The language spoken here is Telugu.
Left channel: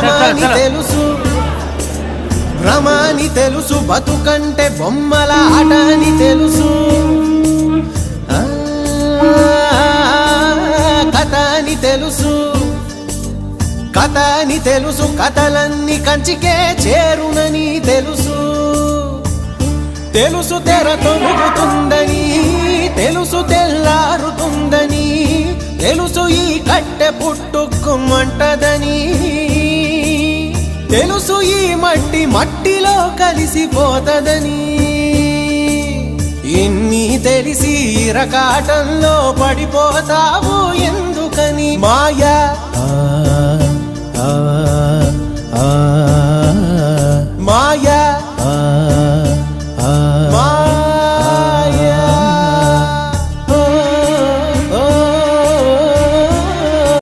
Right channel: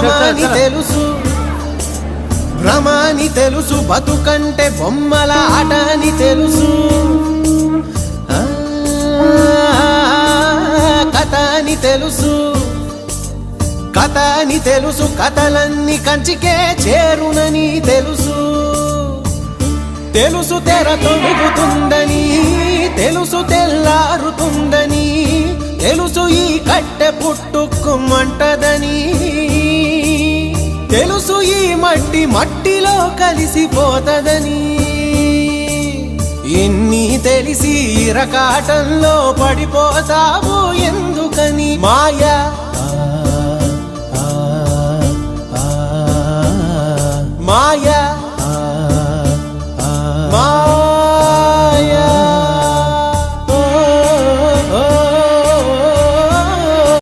భ్రమని తెలుసు, భ్రమని తెలుసు, బతుకంటే బొమ్మల ఆట అని తెలుసు, కథ అని తెలుసు, కథ అని తెలుసు, కథలన్నీ కంచికే చేరునని తెలుసు, తెలుసు తెర తొలుగుతుందని, తెలుసు తెల్లారుతుందని, తెలుసు ఈ కట్టె పుట్టుకుమంటదని, తెలుసు ఈ మట్టి మట్టిలో కలిసిపోతదని, ఇన్ని తెలిసి ఇరకాటంలో పడిపోతావు ఎందుకని మాయ